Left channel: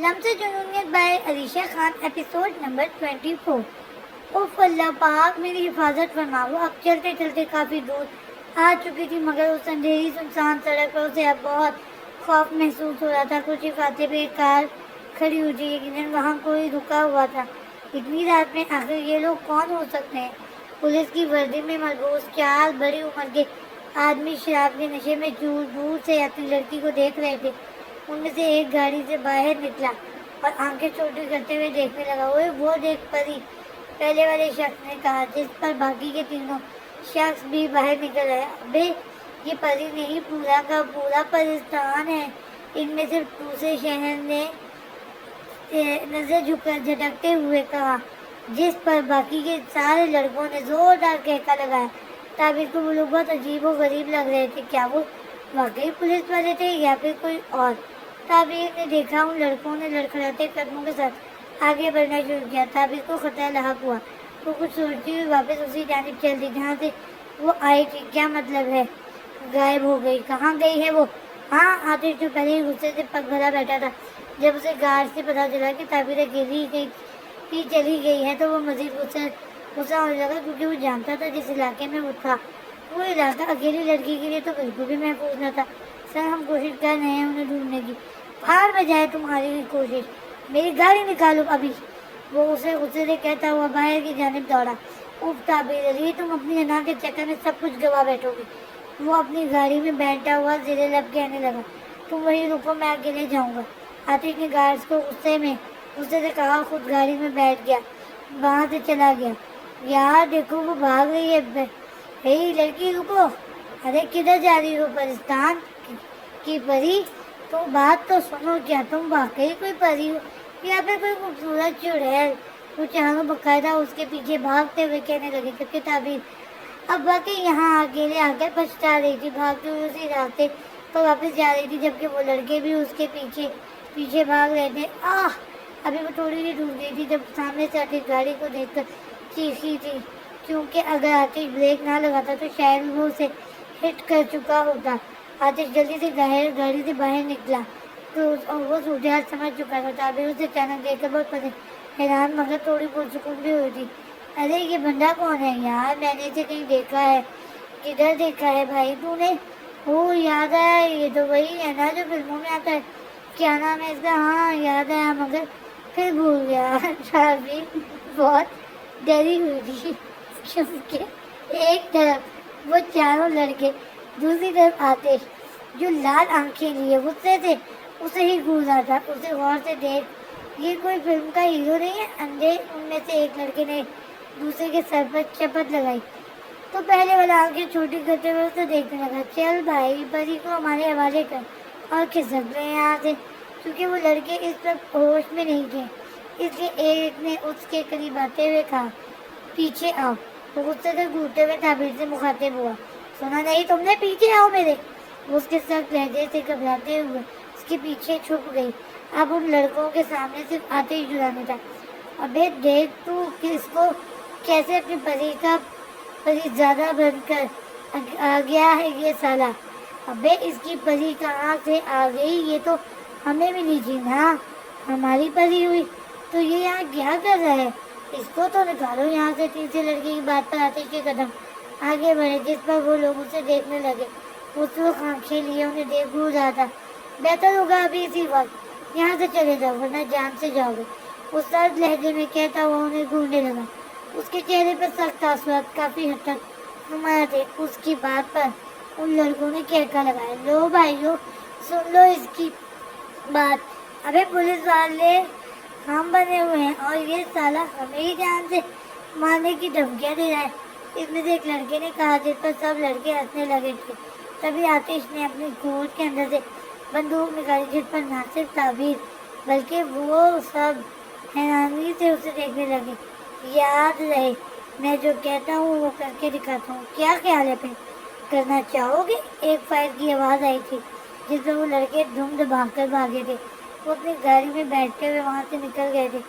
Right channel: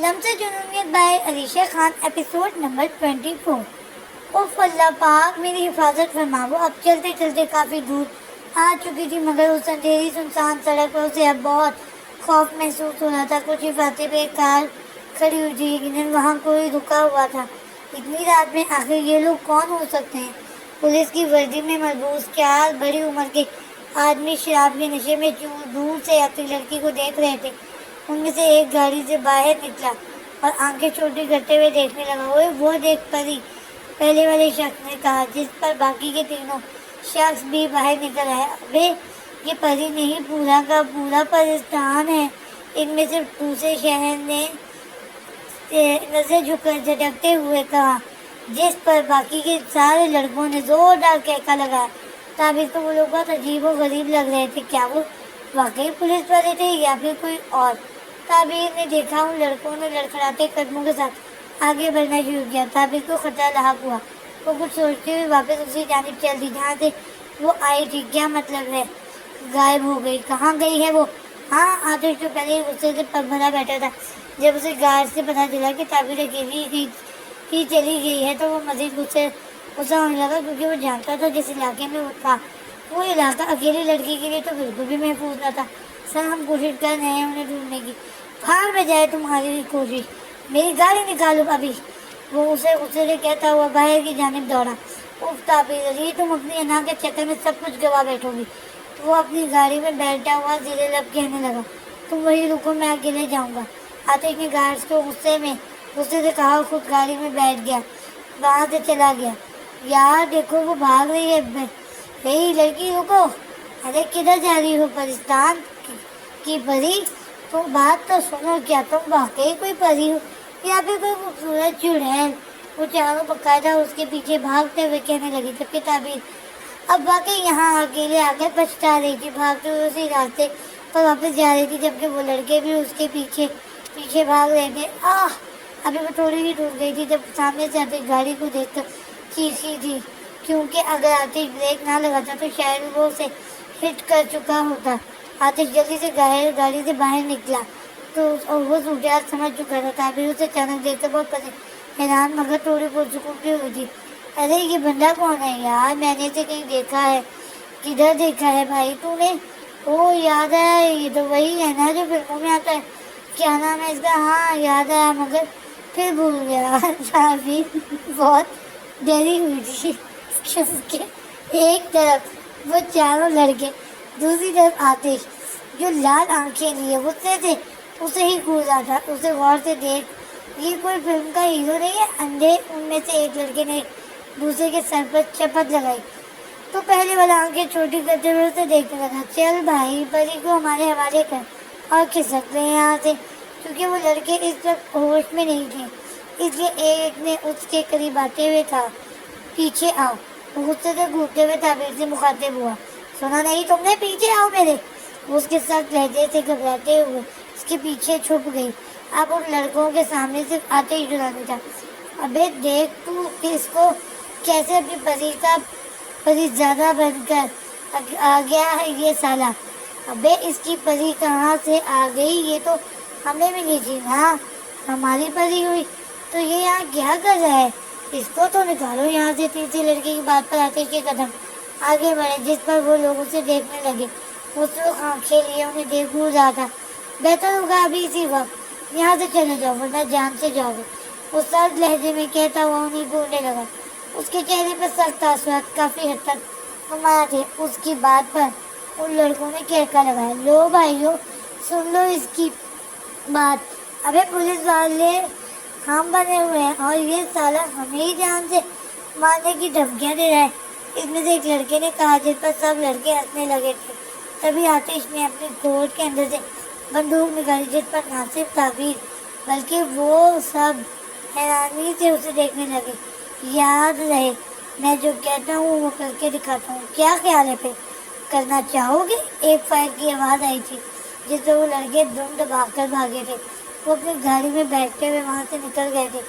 لمس جنونیت by Alisha Khan episode number 24۔ اوف اللہ پاک میری حفاظت فرما۔ وہ اب چلتے چلتے کافی دور آ چکی تھی، مگر اس اندھیری سنسان سڑک پر اسے اب بہت خوف محسوس ہو رہا تھا۔ کچھ ہی فاصلے پہ ایک کار کھڑی ہوئی تھی، یقیناً وہاں کوئی رکا ہوا تھا۔ اتنی رات میں آخر یہ لوگ کون ہو سکتے ہیں؟ پولیس کی وردی میں ملبوس چار بڑی عمر کے آدمی شراب کے نشے میں دور سے آتی لڑکی کو دیکھ رہے تھے۔ ان میں سے ایک گاڑی سے باہر نکلا اور آنکھیں چھوٹی کرتے ہوئے دیکھنے لگا۔ وہ دیکھ پری، پہلے والے شخص نے کہا، جس پر باقی کے تینوں شخص بھی باہر نکل آئے۔ ابے یہ پری نہیں، پورا کا پورا پرستان ہے۔ ان میں سے دوسرے شہر نے نظر جھٹکتے ہوئے کہا، جس پر باقی کے سارے لڑکوں نے زوردار کہکا لگایا۔ تعبیر کو وہ لوگ بہت عجیب و غریب لگ رہے تھے۔ کیا وہ واقعی پولیس والے تھے یا پھر کوئی اور؟ تعبیر نے دیکھا ان لڑکوں نے لڑکھڑاتے قدموں کے ساتھ آگے بڑھنا شروع کیا۔ تعبیر کو خطرہ لاحق ہوا۔ وہ کچھ سوچتے ہوئے واپس اسی جانب چل دی جہاں سے وہ آئی تھی۔ کیا مطلب ہے غائب ہو گئی؟ کہاں گئی ہے وہ؟ ہاں، آتش تو پہلے ہی غصے سے پگ بھرا بیٹھا تھا۔ جب اسے گارڈ سے پتا چلا کہ تعبیر اکیلی ہی چلی گئی ہے تو وہ مزید غصہ ہونے لگا، کیونکہ وہ جانتا تھا جس علاقے میں وہ تھا وہ علاقہ اکیلی لڑکی کے لیے تو بالکل بھی محفوظ نہ تھا۔ سر، ہم کوشش کر رہے ہیں انہیں ڈھونڈنے کی۔ بھاڑ میں جائے تمہاری کوشش، میری گاڑی نکالو ابھی، وہ اسے غصے سے کہتا ہوا باہر کی جانب دوڑا۔ اف تعبیر علی، تم اپنی انا کے چکر میں سب کچھ گوا بیٹھو گی۔ وہ اپنی گاڑی میں بیٹھا ہوا زیر لب کہنے لگا، تم وہی رکو، میں اکیلے جاؤں گا۔ آتش نے گارڈز کو غصے سے کہا، خود گاڑی میں بیٹھ گیا، وہاں سے چلا گیا۔ یار دیکھو، وہ بھاگ رہی ہے۔ اے لڑکی رکو، ارے کدھر جا رہی ہو؟ پرستان کی پری، تم بات تو سنو، کیا تم واقعی کوئی پری ہو یا پھر کوئی خوبصورت چڑیل؟ وہ چاروں باقاعدہ اس کے پیچھے بھاگتے ہوئے کہنے لگے، جبکہ تعبیر اب واقعی یہاں اکیلے آ کے پچھتا رہی تھی، بھاگتے ہوئے اسی راستے پر واپس جا رہی تھی، جبکہ وہ لڑکے بھی اس کے پیچھے بھاگ رہے تھے۔ ابھی وہ تھوڑی ہی ڈوب گئی تھی جب سامنے سے آتی گاڑی کو دیکھ کر چیخی تھی، کیونکہ اگر آتش بریک نہ لگاتا تو شاید وہ اسے ہٹ کر چکا ہوتا۔ آتش جلدی سے گاڑی سے باہر نکلا تو وہ صورتحال سمجھ چکا تھا۔ تعبیر اسے اچانک دیکھ کر بہت حیران مگر تھوڑی پرسکون بھی ہوئی تھی۔ ارے یہ بندہ کون ہے یار؟ میں نے اسے کہیں دیکھا ہے۔ کدھر دیکھا ہے بھائی تو نے؟ وہ یاد ہے، یہ تو وہی ہے نا جو فلموں میں آتا ہے، کیا نام ہے اس کا؟ ہاں یاد آیا مگر پھر بھول گیا۔ تعبیر بہت ڈری ہوئی تھی کیونکہ ایک طرف وہ چاروں لڑکے، دوسری طرف آتش جو لال آنکھیں لیے غصے سے اسے ہی گھورا تھا۔ اسے غور سے دیکھ، یہ کوئی فلم کا ہیرو نہیں ہے؟ اندھے ان میں سے ایک لڑکے نے دوسرے کے سر پر چپت لگائی تو پہلے والا آنکھیں چھوٹی کرتے ہوئے اسے دیکھنے لگا۔ چل بھائی، پری کو ہمارے حوالے کر اور کھسک گئے یہاں سے۔ کیونکہ وہ لڑکے اس وقت ہوش میں نہیں تھے، اس لیے ایک نے اس کے قریب آتے ہوئے کہا، پیچھے آؤ۔ وہ غصے سے گھومتے ہوئے تعبیر سے مخاطب ہوا، سنا نہیں تم نے؟ پیچھے آؤ میرے۔ وہ اس کے ساتھ لہجے سے گھبراتے ہوئے اس کے پیچھے چھپ گئی۔ اب ان لڑکوں کے سامنے صرف آتش جرانی تھا۔ ابے دیکھ تو کہ اس کو کیسے اپنی پری زیادہ بن کر آ گیا ہے یہ سالہ۔ ابے اس کی پری کہاں سے آ گئی؟ یہ تو ہمیں بھی نہیں تھی نا، ہماری پری ہوئی تو یہ یہاں کیا کر رہا ہے؟ اس کو تو نکالو یہاں سے۔ تیسری لڑکی کی بات پر آتش کے قدم آگے بڑھے، جس پر وہ لوگ اسے دیکھنے لگے۔ وہ سرخ آنکھیں لیے انہیں دیکھ بھول رہا تھا۔ بہتر ہوگا ابھی اسی وقت یہاں سے چلے جاؤ ورنہ جان سے جاؤ گے، وہ سرد لہجے میں کہتا ہوا انہیں گھورنے لگا۔ اس کے چہرے پر سخت تاثرات کافی حد تک نمایاں تھے۔ اس کی بات پر ان لڑکوں نے کہکا لگایا، لو بھائیو سن لو اس کی بات، ابے پولیس والے ہم بنے ہوئے ہیں اور یہ سالہ ہمیں ہی جان سے مارنے کی دھمکیاں دے رہا ہے۔ اس میں سے ایک لڑکے نے کہا، جس پر سب لڑکے ہنسنے لگے تھے۔ تبھی آتش نے اپنی کوٹ کے اندر سے بندوق نکالی، جس پر نہ صرف تعبیر بلکہ وہ سب حیرانی سے اسے دیکھنے لگے۔ یاد رہے میں جو کہتا ہوں وہ کر کے دکھاتا ہوں، کیا خیال ہے پھر؟ کرنا چاہو گے؟ ایک فائر کی آواز آئی تھی جس سے وہ لڑکے دم دبا کر بھاگے تھے۔ وہ اپنی گاڑی میں بیٹھتے ہوئے وہاں سے نکل گئے تھے،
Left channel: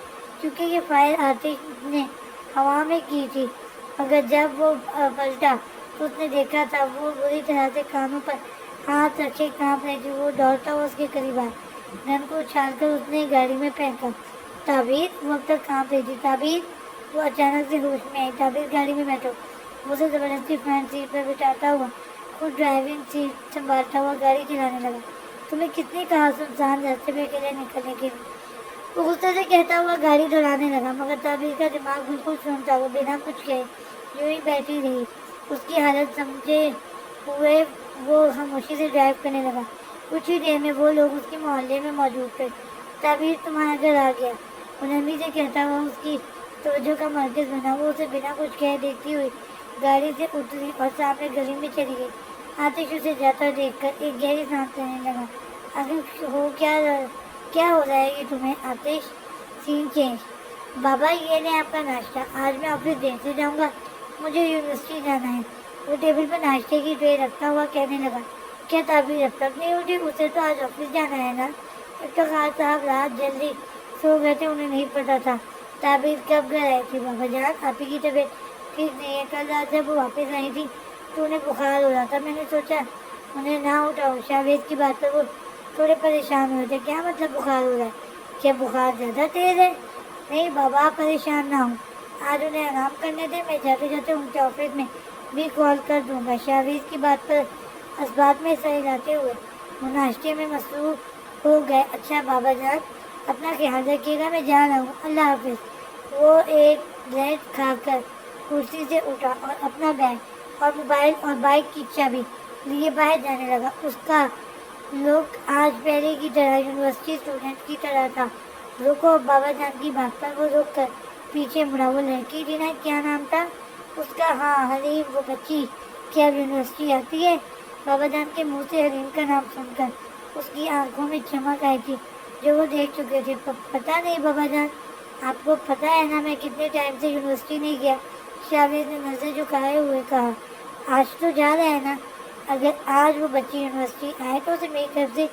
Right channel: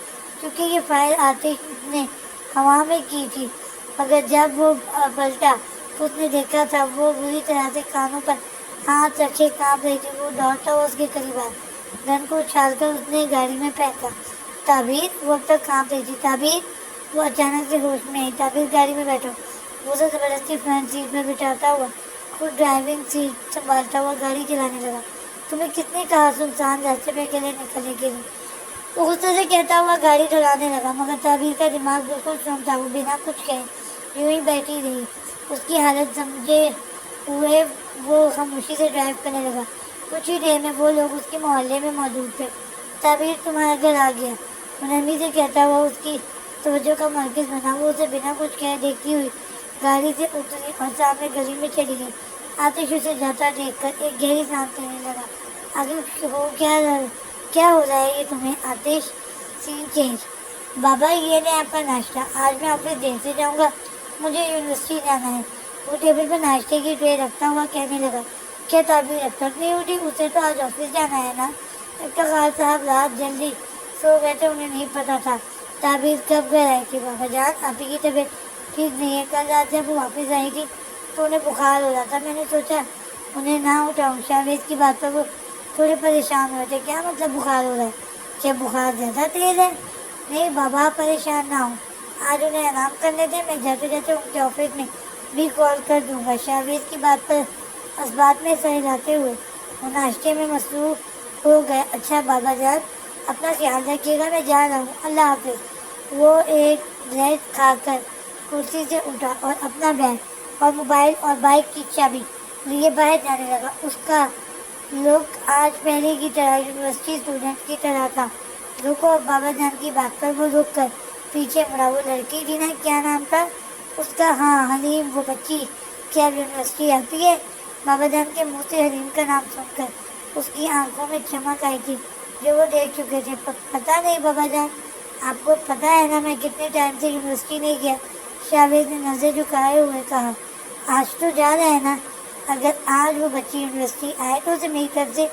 کیونکہ یہ فائر آتش نے ہوا میں کی تھی، مگر جب وہ پلٹا تو اس نے دیکھا تھا وہ بری طرح سے کانوں پر ہاتھ رکھے کانپ رہی تھی۔ وہ دوڑتا ہوا اس کے قریب آیا، گن کو اچھال کر اس نے گاڑی میں پھینکا۔ تعبیر وہ اب تک کام رہی تھی۔ تعبیر وہ اچانک سے ہوش میں آئی۔ تعبیر گاڑی میں بیٹھا، اسے زبردستی فرنٹ سیٹ پہ بٹھاتا ہوا خود ڈرائیونگ سیٹ سنبھالتا ہوا گاڑی چلانے لگا۔ تمہیں کتنی کہا سنسان راستے پہ اکیلے نکلنے کے لیے، وہ غصے سے کہتا ہوا گاڑی ڈھلانے لگا، مگر تعبیر کا دماغ بالکل سن تھا۔ وہ بنا کچھ کہے یوں ہی بیٹھی رہی۔ اس کی حالت سمجھے ہوئے وہ خاموشی سے ڈرائیو کرنے لگا۔ کچھ ہی دیر میں وہ لوگ اس کے محلے میں موجود تھے۔ تعبیر تمہارے گھر آ گیا، وہ نرمی سے کہتا ہوا اس کی توجہ کا مرکز بنا۔ وہ اسے بنا کچھ کہے دیکھتی ہوئی گاڑی سے اتری اور سامنے گلی میں چلی گئی۔ آتش اسے جاتا دیکھ کر ایک گہری سانس لینے لگا۔ آخر ہو کیا ہو رہا ہے یہ تمہیں آتش؟ سین چینج۔ بابا یہ نہیں آپ کا ناشتہ، آج میں آفس دیر سے جاؤں گا، مجھے یونیورسٹی جانا ہے۔ وہ ٹیبل پر ناشتے کی ٹرے رکھتا ہوا کہنے لگا۔ کیا تعبیر اب تک نہیں اٹھی؟ اسے تو آج آفس جانا ہے نا۔ افتخار صاحب رات جلدی سو گئے تھے، انہیں نہیں پتا تھا تعبیر کب گھر آئی تھی۔ بابا جان آپ ہی کی طبیعت ٹھیک نہیں ہے، کل رات جب وہ واپس آئی تھی تو انہیں بخار ہو رہا تھا، میں نے سوچا انہیں نہ اٹھاؤں۔ شاویز کی بات پر وہ تھوڑے پریشان ہوئے تھے۔ کیا مطلب بخار ہو رہا ہے؟ کیا بخار زیادہ تیز ہے؟ نہیں بابا آپ پریشان نہ ہوں، آج انہیں آرام کرنے دیں، میں جاتے جاتے ان کے آفس میں بھی کال کر دوں گا۔ شاویز کی بات پر اسبات میں سر ہلاتے ہوئے وہ ناشتے میں مصروف ہو گئے۔ اچھا بابا جان اپنا خیال رکھیے گا، میں جا رہا ہوں، اللہ حافظ۔ وہ ایک بریڈ کھا کر کرسی سے اٹھا اور اپنا بیگ اور موبائل اور بائک کی چابی لیے باہر جانے لگا۔ اس کا لک آج پہلے کی طرح یونیورسٹی اسٹوڈنٹ کی طرح تھا۔ رکو بابا جان کی بات پر وہ رک کر پیچھے مڑا۔ وہ لڑکی تھی نا، کیا نام تھا اس کا؟ ہاں حلیم، وہ بچی کیا اب یونیورسٹی آتی ہے؟ بابا جان کے منہ سے حلیم کا نام سن کر اس کی آنکھوں میں چمک آئی تھی جو وہ دیکھ چکے تھے۔ پتہ نہیں بابا جان، آپ کو پتہ ہے نا میں کتنے ٹائم سے یونیورسٹی نہیں گیا؟ شاویز نے نظر جھکائے ہوئے کہا۔ آج تو جا رہا ہے نا؟ اگر آج وہ بچی یونیورسٹی آئے تو اسے میری طرف سے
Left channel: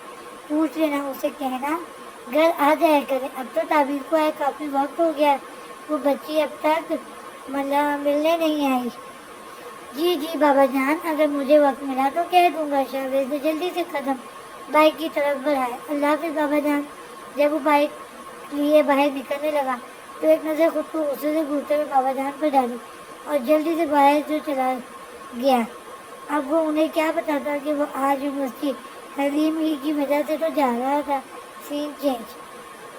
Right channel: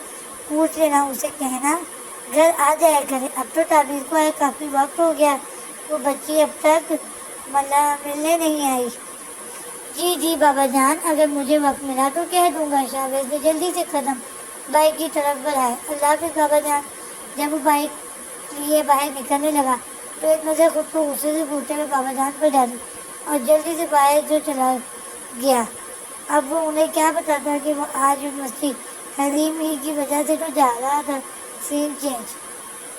پوچھ لینا، اسے کہنا گھر آ جایا کرے۔ اب تو تعبیر کو ہے کافی وقت ہو گیا، وہ بچی اب تک ملنے نہیں آئی۔ جی بابا جان، اگر مجھے وقت ملا تو کہہ دوں گا۔ شاویز نے جلدی سے قدم بائک کی طرف بڑھائے۔ اللہ حافظ بابا جان۔ جب وہ بائک لیے باہر نکلنے لگا تو ایک نظر خود کو غصے سے گھورتے ہوئے بابا جان پر ڈالی اور جلدی سے باہر جو چلا گیا۔ اب وہ انہیں کیا بتاتا کہ وہ آج یونیورسٹی حلیم ہی کی وجہ سے تو جا رہا تھا۔ سین چینج۔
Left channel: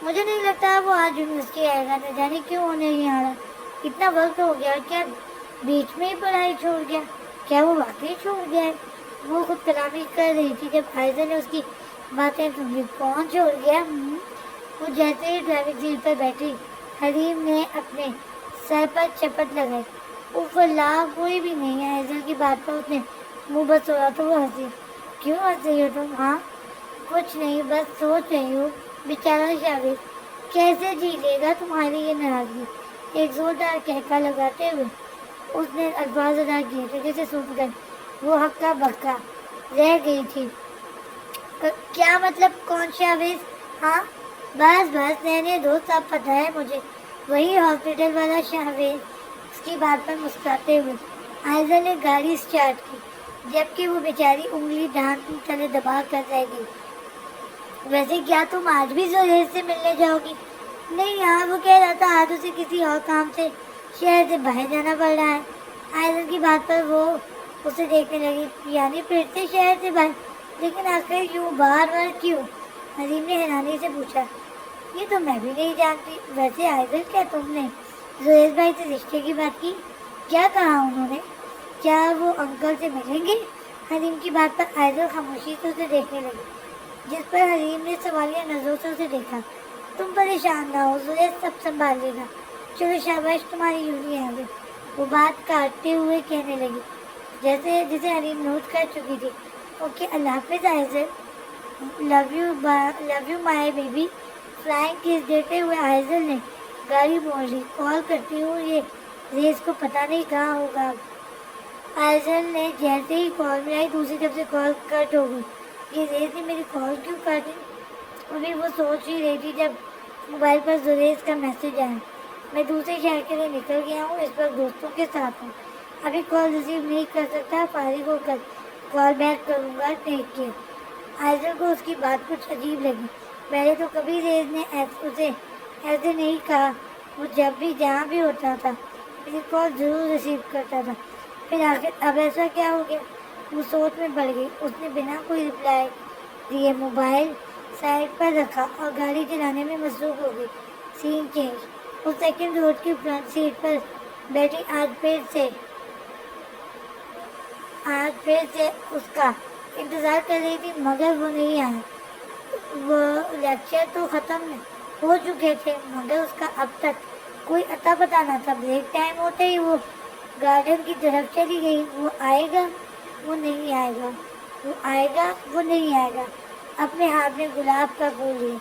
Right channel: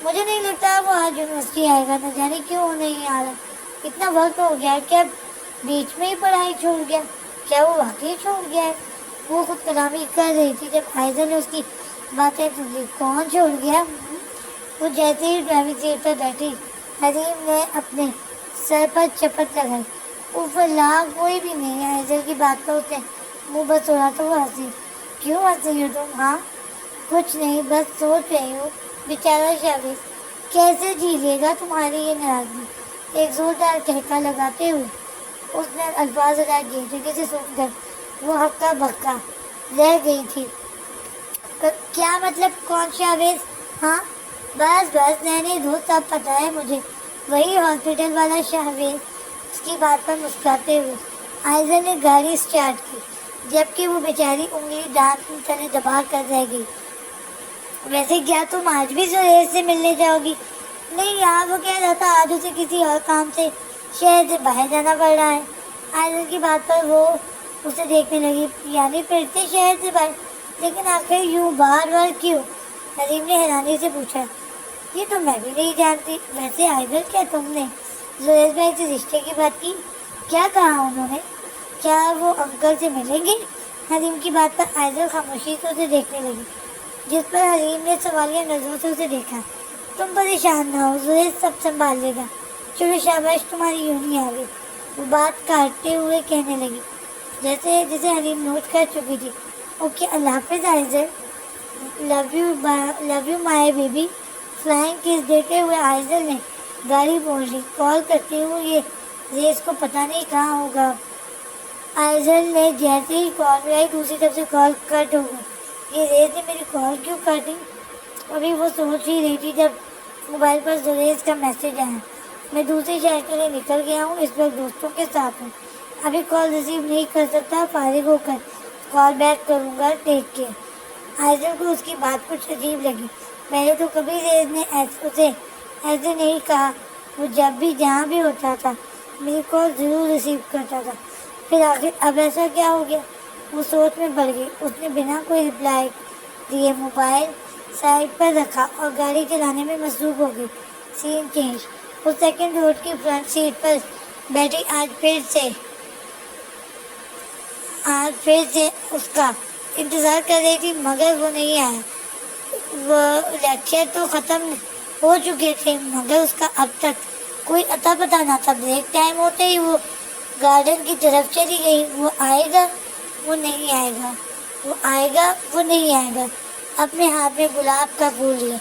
مجھے نہیں لگتا وہ آج یونیورسٹی آئے گا، نہ جانے کیوں نہیں آ رہا، اتنا وقت ہو گیا، کیا بیچ میں ہی پڑھائی چھوٹ گیا؟ کیا وہ واقعی چھوٹ گیا ہے؟ وہ خود کلامی کر رہی تھی جب عائزہ نے اس کی باتیں سن لی۔ کون چھوڑ گیا؟ وہ جیسے ہی ڈرائیونگ سیٹ پر بیٹھی حلیم نے اپنے سر پر چپت لگائی۔ اوف اللہ، کوئی بھی نہیں ہے۔ عائزہ کی بات پر اس نے منہ بسوڑا تو وہ ہنسی۔ کیوں ہنس رہی ہو تم؟ ہاں کچھ نہیں، بس سوچ رہی ہوں بیچارہ شاویز کیسے جھیلے گا تمہاری یہ ناراضگی۔ ایک زوردار ٹھیکہ لگاتے ہوئے اس نے الفاظ ادا کیے تھے جسے سن کر وہ ہکا بکا رہ گئی تھی۔ کیا مطلب؟ کون شاویز؟ ہاں بس نئے دوست، اب پتہ ہے مجھے، وہی ہاسپٹل والا شاویز۔ اس کی بات پر مسکراتے ہوئے عائزہ نے گاڑی اسٹارٹ کی جبکہ وہ بیچاری انگلی دانت تلے دبا کر رہ گئی۔ ویسے کیا تم آج بھی زہیر سے ملنے جاؤ گی؟ نہیں یار، وہ کہہ رہا تھا آج اسے کسی اور کام سے شہر سے باہر جانا پڑ رہا ہے۔ عائزہ کی بات پر وہ اسے دیکھنے لگی۔ یعنی پھر سے شہر سے باہر؟ لیکن آخر یوں بار بار کیوں؟ حلیم نے حیرانی سے پوچھا۔ یہ تو میں بھی نہیں جانتی۔ ویسے عائزہ کیا تم نے زہیر بھائی سے رشتے کی بات کی؟ کیا کہا انہوں نے؟ کیا وہ انکل سے ملیں گے؟ حلیم کی بات پر عائزہ خاموشی سے اسے دیکھنے لگی، جس پر حلیم نے سوالیہ نظروں سے اسے دیکھا۔ تم پریشان نہ ہو، زہیر سب سنبھال لے گا۔ چلو شاباش تمہاری یونی آ گئی، وہ بات کاٹتے ہوئے کہنے لگی جیسے حلیم نوٹ کر چکی تھی۔ اوکے اللہ حافظ Aiza, love you my baby. Flying kiss دیتے ہوئے عائزہ نے گاڑی موڑ لی۔ کال کرتی ہوں یہ ریس کو پتہ نہیں کہاں ہوگا۔ عائزہ نے جیسے ہی کال ملائی دوسری طرف سے کال کٹ ہو گئی۔ یہ ریس نے میری کال کیوں کر دی؟ ابھی وہ سوچ ہی رہی تھی جب موبائل پر زریز کا میسج آیا۔ میں دوسرے شہر کے لیے نکل گیا ہوں، اس وقت دوستوں کے ساتھ ہوں، ابھی کال ریسیو نہیں کر سکتا، فارغ ہو کر کال بیک کروں گا، ٹیک کیئر۔ عائزہ کو اس کی بات کچھ عجیب لگی۔ پہلے تو کبھی ریز نے اسے ایسے نہیں کہا. وہ جب بھی جہاں بھی ہوتا تھا میری کال ضرور ریسیو کرتا تھا. پھر آخر اب ایسا کیا ہو گیا؟ وہ سوچ میں پڑ گئی. اس نے بنا کوئی رپلائی دیے موبائل سائڈ پر رکھا اور گاڑی چلانے میں مصروف ہو گئی. سین چینج. وہ سیکنڈ روڈ کی فرنٹ سیٹ پر بیٹھی. آج پھر سے اس کا انتظار کر رہی تھی مگر وہ نہیں آیا. وہ لیکچر تو ختم ہو چکے تھے مگر اس کا اب تک کوئی اتا پتا نہ تھا. بریک ٹائم ہوتے ہی وہ گارڈن کی طرف چلی گئی. وہ آئے گا وہ نہیں آئے گا، وہ آئے گا وہ نہیں آئے گا. اپنے ہاتھ میں گلاب کا پھول لیا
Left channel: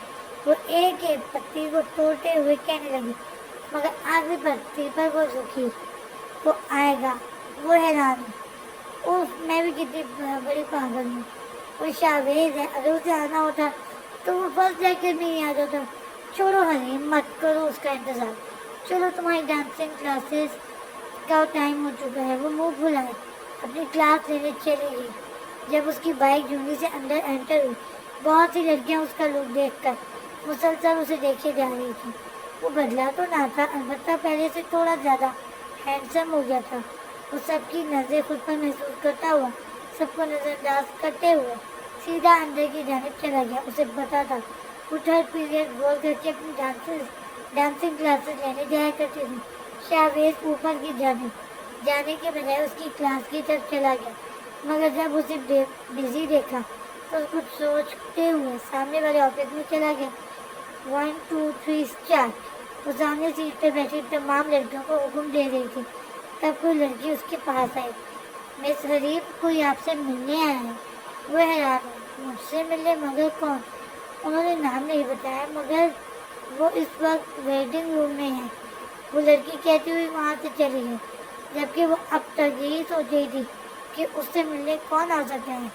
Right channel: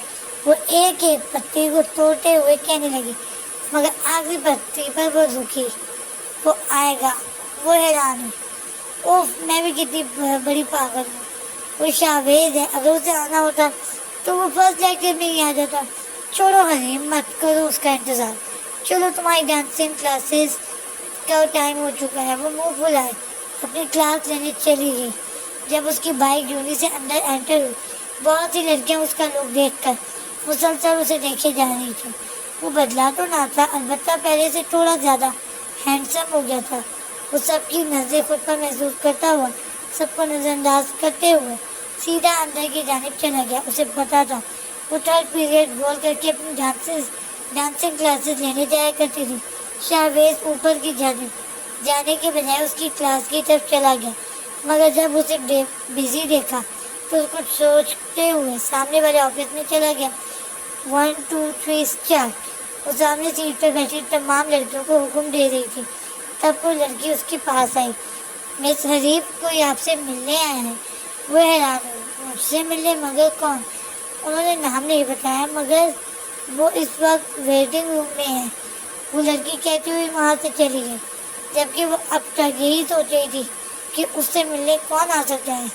وہ ایک ایک پتی کو توڑتے ہوئے کہنے لگی مگر آخری پتی پر وہ رکی. وہ آئے گا. وہ حیران ہوئی. اوف میں بھی کتنی بڑی پاگل ہوں. وہ شاویز ہے. اگر اسے آنا ہوتا تو وہ فرسٹ لیکچر میں ہی آ جاتا. چھوڑو حلیم مت کرو اس کا انتظار. چلو تمہاری ڈانسنگ کلاسز کا ٹائم ہو چکا ہے. وہ منہ پھلائے اپنی کلاس لینے چلی گئی. جب اس کی بائک جونی سے اندر انٹر ہوئی بہت سی لڑکیاں اس کا لک دیکھ کر مسلسل اسے دیکھے جا رہی تھی. وہ بدلا تو نہ تھا البتہ پہلے سے تھوڑا زیادہ ہینڈسم ہو گیا تھا. وہ سب کی نظریں خود پر محسوس کرتا ہوا سب کو نظر انداز کرتے ہوئے سیدھا اندر کی جانب چلا گیا. اسے پتا تھا وہ تھرڈ پیریڈ گول کر کے اپنی ڈانسنگ کلاسز لینے جایا کرتی تھی. شاویز اوپر کی جانب جانے کے بجائے اس کی کلاس کی طرف چلا گیا مگر جب اسے بزی دیکھا تو کچھ سوچتے ہوئے سامنے والے آفس میں چلا گیا. 1 2 3 اسٹارٹ. وہ سامنے سیٹ پہ بیٹھی تمام لڑکیوں کو حکم دے رہی تھی. تب کوئی لڑکی اس کے پاس آئی. مس حریف کوئی آپ سے ملنے آیا ہے. وہ حیران ہوئی. مجھ سے ملنے مگر کون؟ انہوں نے نام نہیں بتایا مگر وہ اس وقت ویٹنگ روم میں ہے. وہ لڑکی کہتی ہوئی وہاں سے چلی گئی جبکہ وہ اب تک یہی سوچ رہی تھی کہ اس سے ملنے کون آ سکتا ہے.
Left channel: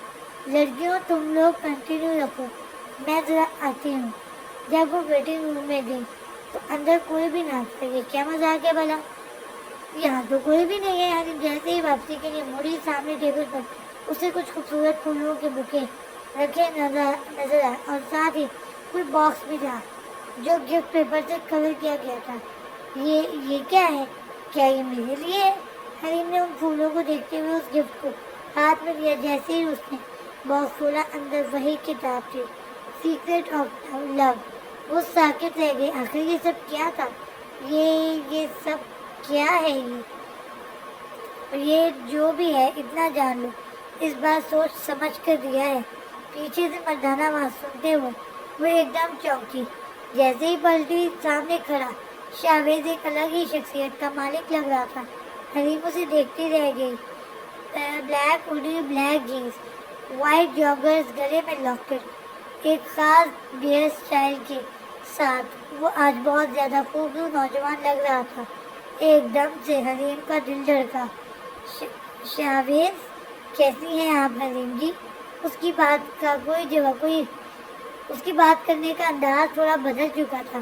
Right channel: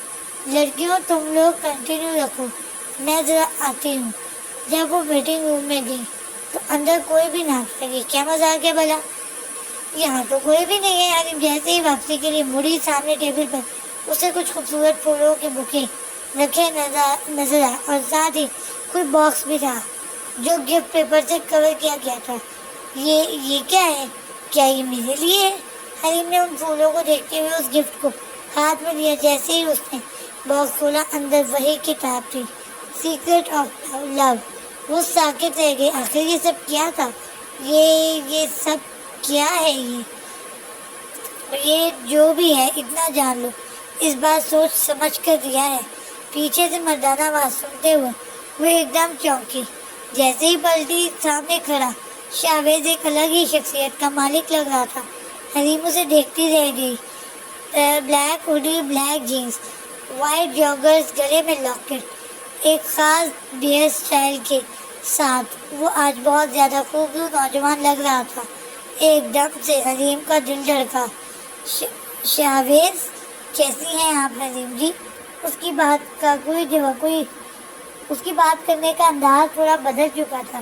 لڑکیوں تم لوگ کنٹینیو رکھو میں ذرا آتی ہوں. جب وہ ویٹنگ روم میں گئی تو اندر کوئی بھی نہ تھا. یہ کیا مذاق ہے بھلا؟ یہاں تو کوئی بھی نہیں ہے. حریم جیسے ہی واپسی کے لیے مڑی سامنے ٹیبل پر اسے کچھ خوبصورت پھولوں کے بکے رکھے نظر آئے اور ساتھ ہی کوئی باکس بھی تھا جو گفٹ پیپر سے کور کیا گیا تھا. یہ کیا ہے؟ کیا یہ میرے لیے ہے؟ حریم نے ان پھولوں کو دیکھتے ہوئے اس گفٹ کو ہاتھ میں لیا. جیسے ہی اس نے باکس کھولا اندر وہی کتاب تھی سیکرٹ آف لو. وہ ساکت رہ گئی. آخر یہ سب کیا تھا؟ یہ سب کیا ہے؟ یہ جو بھی ہے اتنا جان لو اس بار سوچ سمجھ کر دیا ہے. پیچھے سے مردانہ آواز سنتے ہوئے وہ ایک دم چونکی. جیسے ہی پلٹی سامنے کھڑا شاویز ایک الگ ہی شخصیت کا مالک لگ رہا تھا. حریم اسے دیکھتی رہ گئی. Black hoodie black jeans white joggers گلے میں لاکٹ ایک خاص بیئر سٹائل کے ساتھ وہ آج بہت زیادہ خوبصورت نوجوان لگ رہا تھا. ایک دم سے حریم کا دل دھڑکا. شاویز کیسی ہیں آپ حریم جی؟ اس کی بات کا اس کی بات کرنے کا انداز تھوڑا بدل چکا تھا.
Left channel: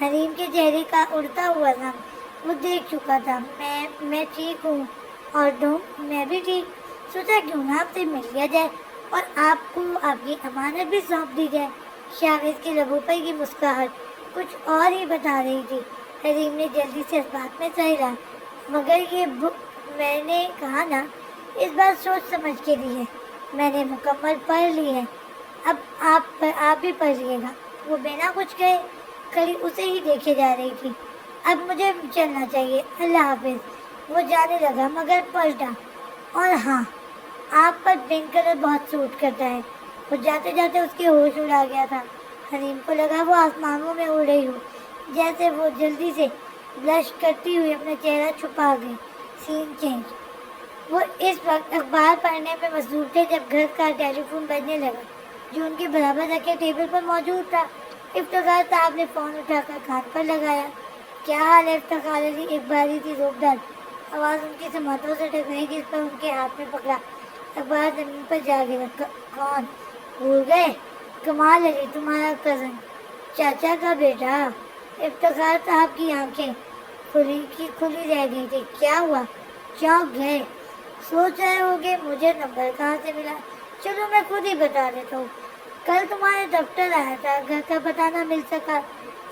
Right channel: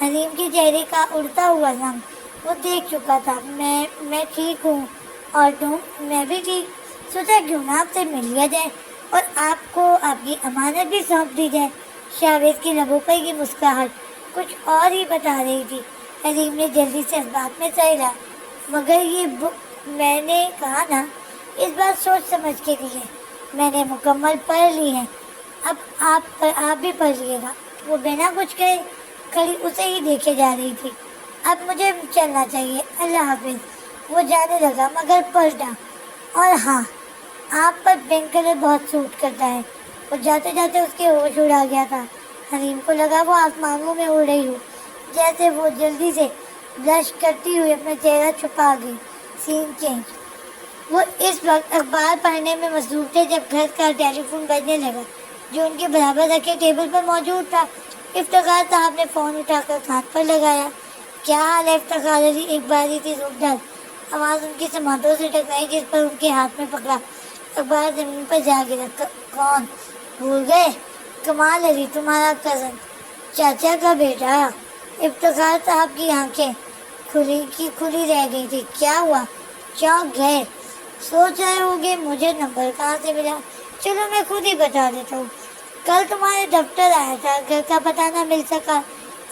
حریم کے چہرے کا اڑتا ہوا رنگ وہ دیکھ چکا تھا. میں ٹھیک ہوں. اور تم؟ میں بھی ٹھیک. سوچا کیوں نہ آپ سے مل لیا جائے اور آپ کو آپ کی امانت بھی سونپ دی جائے. شاویز کی لبوں پر کی مسکراہٹ کچھ اور ہی بتا رہی تھی. حریم نے جلدی سے اس بات میں سہلا مگر یہ بک میں نے کہا نا اس بار سوچ سمجھ کے دی ہے. میں نے مکمل پڑھ لی ہے. اب آپ بھی پڑھ لیے گا. وہ بنا کچھ کہے کھڑی اسے ہی دیکھے جا رہی تھی. اب مجھے چلنا چاہیے. اللہ حافظ. وہ جانے لگا مگر پلٹا. اور ہاں آپ پر پنک کلر بہت سوٹ کرتا ہے. وہ جاتے جاتے اس کی ہوش اڑا گیا تھا. حریم کو لگا وہ آسمانوں میں اڑ رہی ہو. جیسے وہ جلدی سے بلش کرتی ہوئی اپنا چہرہ چھپا گئی. سین چینج. وہ اس وقت اخبار پڑھنے میں مصروف تھے جب گھر کا ٹیلی فون بجنے لگا جو ان کے برابر رکھے ٹیبل پر موجود تھا. افتخار صاحب نے فون اٹھا کر کان پر لگایا. کیا حال ہے افتخار علی؟ ایک باری تھی روبدر آواز ان کی سماعتوں سے ٹکرائی جس پر ان کے ہاتھ میں پکڑا اخبار زمین پر جا گرا. کون؟ بھول گئے؟ کمال علی تمہارا کزن چاچا کا بیٹا. افتخار صاحب کی آنکھیں کھلی رہ گئی تھی. کیا ہوا؟ چونک گئے. سوچ رہے ہوگے مجھے نمبر کہاں سے ملا. چلو میں خود ہی بتا دیتا ہوں. کل تمہارے دفتر آیا تھا، گھر کا پتہ نہ مل سکا،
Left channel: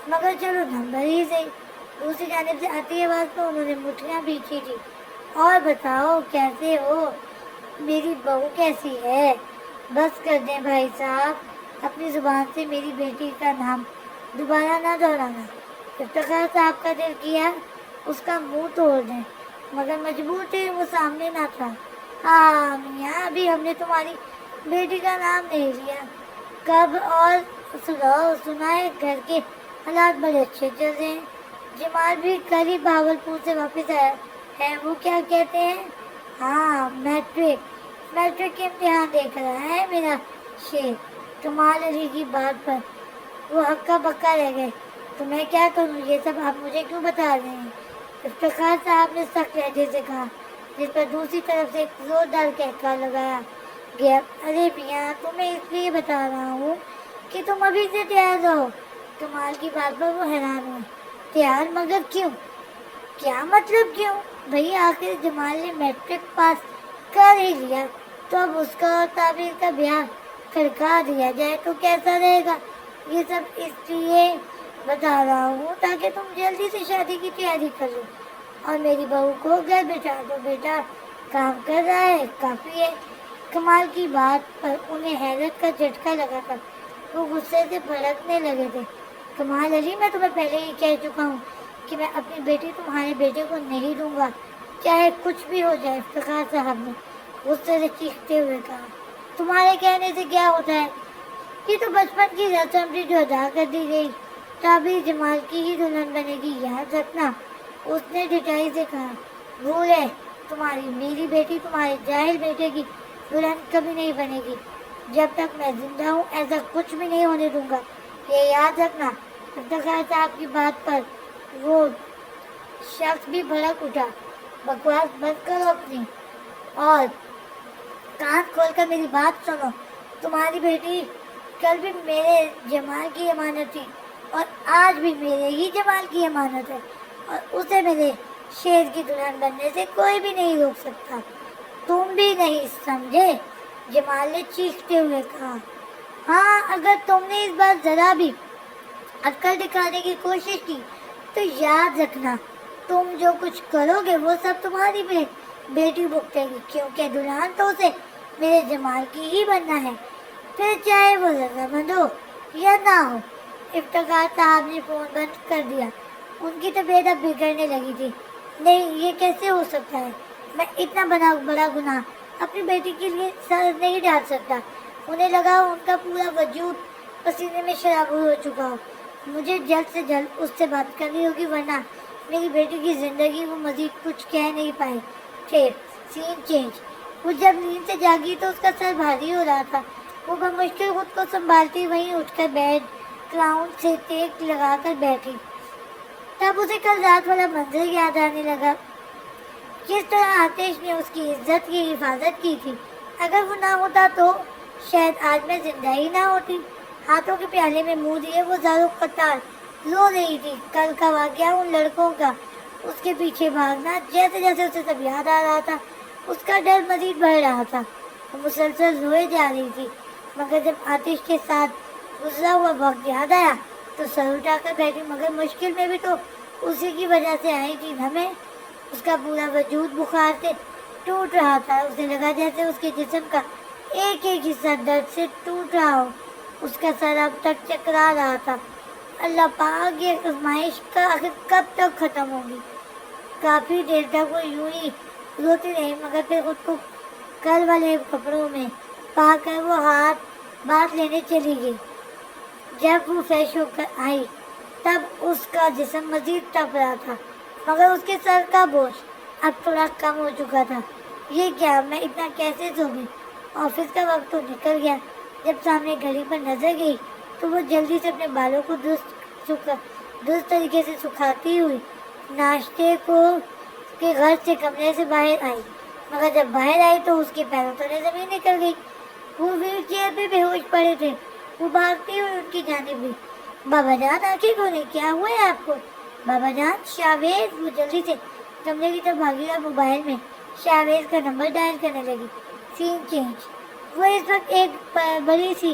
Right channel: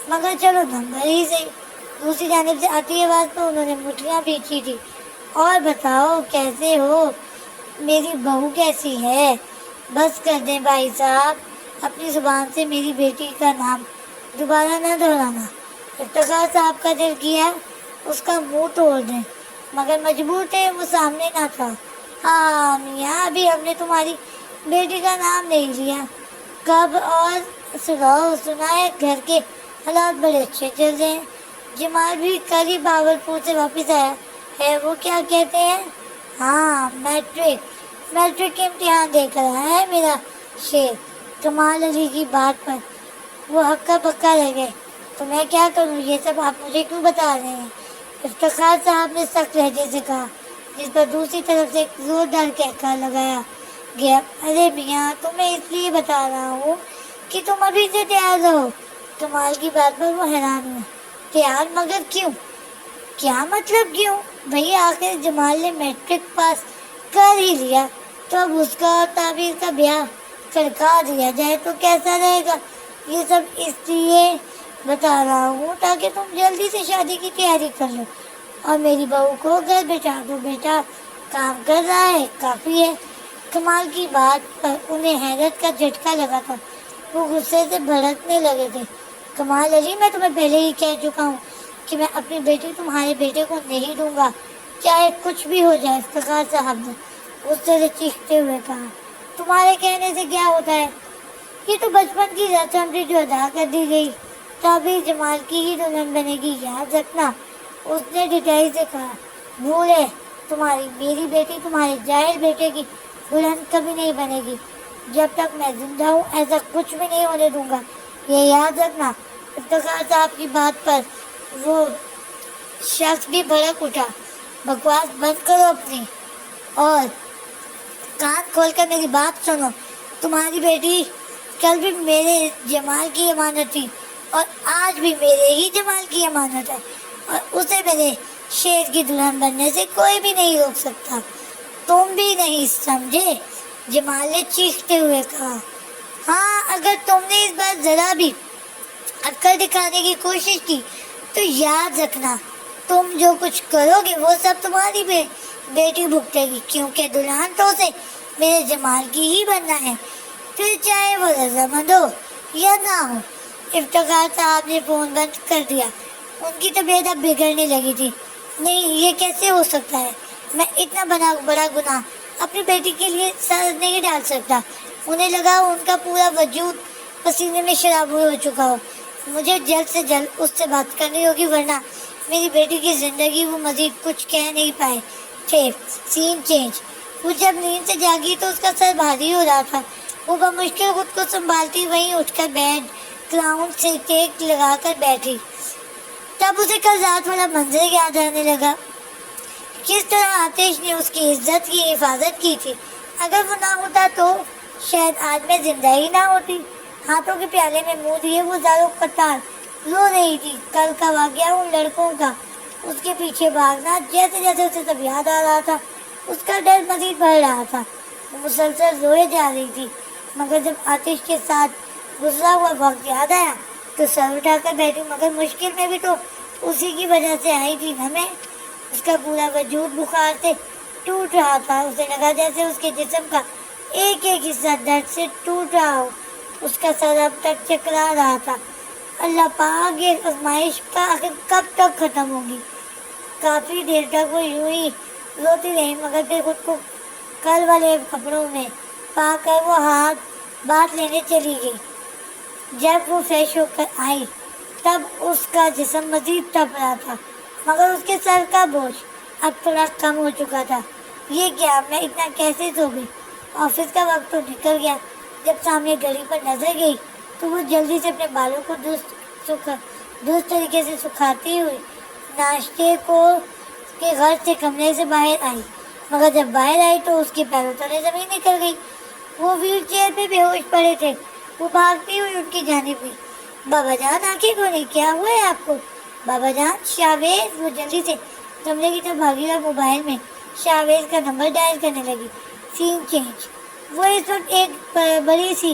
مگر چلو نمبر ہی سے۔ دوسری جانب سے آتی آواز پر انہوں نے مٹھیاں بیچی تھی۔ اور بتاؤ کیسے ہو؟ میری بہو کیسی ہے؟ بس کر دیں بھائی صاحب، اپنی زبان سے میری بیٹی کا نام دوبارہ نہ دہرانا۔ افتخار صاحب کا دل کیا اس کا منہ توڑ دیں، مگر مجبور تھے، وہ سامنے نہ تھا۔ ہاں میاں، ابھی ہم نے تمہاری بیٹی کا نام نہیں لیا۔ کب؟ اور سنا ہے گھر کے حالات بڑے اچھے چل رہے ہیں۔ جمال بھی کل ہی بھاگلپور سے واپس آیا ہے۔ وہ کیا کہتے ہیں؟ ہاں، میٹرک کے امتحان دے کر آیا ہے میرا شیر۔ کمال علی کی بات پر وہ ہکا بکا رہ گئے۔ تو میں کیا کروں؟ یہ سب آپ مجھے کیوں بتا رہے ہیں؟ افتخار صاحب نے سخت لہجے سے کہا، جس پر دوسری طرف سے ایک زوردار کہکا لگایا گیا۔ ارے میاں، تمہیں اس لیے بتا رہا ہوں کہ تم ابھی سے تیار رہو۔ کمال کی بات پر وہ حیران ہوئے۔ تیار؟ مگر کیوں؟ کیا مطلب کیوں؟ بھئی آخر جمال نے میٹرک پاس کر ہی لیا، تو اب اس کا اور تعبیر کا بیاہ کھڑکا دیا جائے تو کیسا رہے گا؟ یہ سب اس لیے بتا رہا ہوں تاکہ تم جلدی سے شادی کی تیاری کر لو اور میری بہو کو گھر بٹھا دو۔ بیٹا کام کر رہا ہے، کافی ہے۔ کمال کی بات پر انہیں حیرت کا جھٹکا لگا تھا۔ وہ غصے سے بھڑکنے لگے تھے۔ کمال علی، میں تمہیں پہلے ہی کہہ چکا ہوں کہ میں اپنی بیٹی تمہارے بیٹے کو نہیں دوں گا، چاہے کچھ بھی ہو جائے۔ افتخار صاحب نے غصے سے چیختے ہوئے کہا، تمہارے کہنے سے کیا ہوتا ہے؟ یہ تو بچپن کی رسم تھی جو ادا کر دی گئی۔ تعبیر جمال کی ہی دلہن بنے گی، یاد رکھنا۔ اس نے ڈٹائی سے کہا، بھول ہے تمہاری، میری بیٹی تمہارے جاہل بیٹے کی دلہن کبھی نہیں بنے گی۔ جب تک میں زندہ ہوں ایسا کچھ بھی نہیں ہونے دوں گا، یہ یاد رکھنا۔ افتخار صاحب کی بات پر وہ شخص بھی بھڑک اٹھا۔ بکواس بند کرو اپنی اور کان کھول کر میری بات سنو۔ تمہاری بیٹی کل بھی میرے جمال کی امانت تھی اور آج بھی میرے ہی جمال کی امانت ہے، اور اسے میرے شیر کی دلہن بننے سے کوئی بھی نہیں روک سکتا۔ تم بھی نہیں سمجھے؟ جمال نے چیختے ہوئے کہا۔ ہاں، اگر تم نے اس بار ذرا بھی عقل دکھانے کی کوشش کی تو یاد رکھنا، تم جو کچھ کرو گے وہ سب تمہاری بیٹی بھگتے گی، کیونکہ دلہن تو اسے میرے جمال کی ہی بننا ہے، پھر چاہے وہ رضامند ہو یا نہ ہو۔ افتخار صاحب نے فون بند کر دیا۔ ان کی طبیعت اب بگڑنے لگی تھی۔ نہیں، یہ کیسے ہو سکتا ہے؟ میں اتنا بڑا گناہ اپنی بیٹی کے لیے سر نہیں ڈال سکتا۔ انہیں لگا ان کا پورا وجود پسینے میں شرابور ہو چکا ہو۔ مجھے جلد سے جلد اس سے بات کرنی ہوگی، ورنہ میری بیٹی کی زندگی وہ مزید کچھ کہہ نہیں پائے تھے۔ سین چینج۔ وہ جب نیند سے جاگی تو اس کا سر بھاری ہو رہا تھا۔ وہ بمشکل خود کو سنبھالتی وہیں اٹھ کر بیڈ کلاؤن سے ٹیک لگا کر بیٹھی۔ تب اسے کل رات والا منظر یاد آنے لگا، کس طرح آتش نے اس کی عزت کی حفاظت کی تھی۔ اگر وہ نہ ہوتا تو شاید آج میں زندہ ہی نہ ہوتی۔ ہاتھوں کے پیالے میں منہ دیے وہ زاروں قطار رو رہی تھی۔ کل کا واقعہ، ان لڑکوں کا اس کے پیچھے بھاگنا، جیسے جیسے اسے سب یاد آ رہا تھا اس کا ڈر مزید بڑھ رہا تھا۔ وہ مسلسل روئے جا رہی تھی، مگر جب آتش کے ساتھ گزرا ہوا وقت یاد آیا تو سر اٹھا کر بیٹھی، مگر مشکل میں بھی تو اسی کی وجہ سے آئی تھی نا میں۔ اس کا پورا وجود بخار سے ٹوٹ رہا تھا۔ اسے لگا جیسے اس کے جسم کا ایک ایک حصہ درد سے ٹوٹ رہا ہو۔ اس کا سر اب تک چکرا رہا تھا۔ اللہ پاک، یہ آزمائش کا آخر کب تک ختم ہوگی؟ کافی دیر تک وہ یوں ہی روتی رہی، مگر پھر خود کو کل والے کپڑوں میں پا کر وہ ہاتھ بات لینے چلی گئی۔ جب وہ فریش ہو کر آئی تب اس کا جسم مزید تپ رہا تھا، مگر اس کے سر کا بوجھ اب تھوڑا کم ہو چکا تھا۔ یہ کیا، میں اتنا کیسے سو گئی؟ آفس کا وقت تو نکل گیا۔ جب سامنے گھڑی پر نظر گئی تو وہ جلدی سے اپنے بالوں کو درست طریقے سے سکھاتی ہوئی ناشتے کے غرض سے کمرے سے باہر آئی، مگر جب باہر آئی تو اس کی پیروں تلے زمین نکل گئی۔ وہ ویل چیئر پہ بے ہوش پڑے تھے۔ وہ بھاگتی ہوئی ان کی جانب گئی۔ بابا جان، آنکھیں کھولیں، کیا ہوا ہے آپ کو؟ بابا جان، شاویز۔ وہ جلدی سے کمرے کی طرف بھاگی اور موبائل میں شاویز کا نمبر ڈائل کرنے لگی۔ سین چینج۔ وہ اس وقت ایک بڑی سی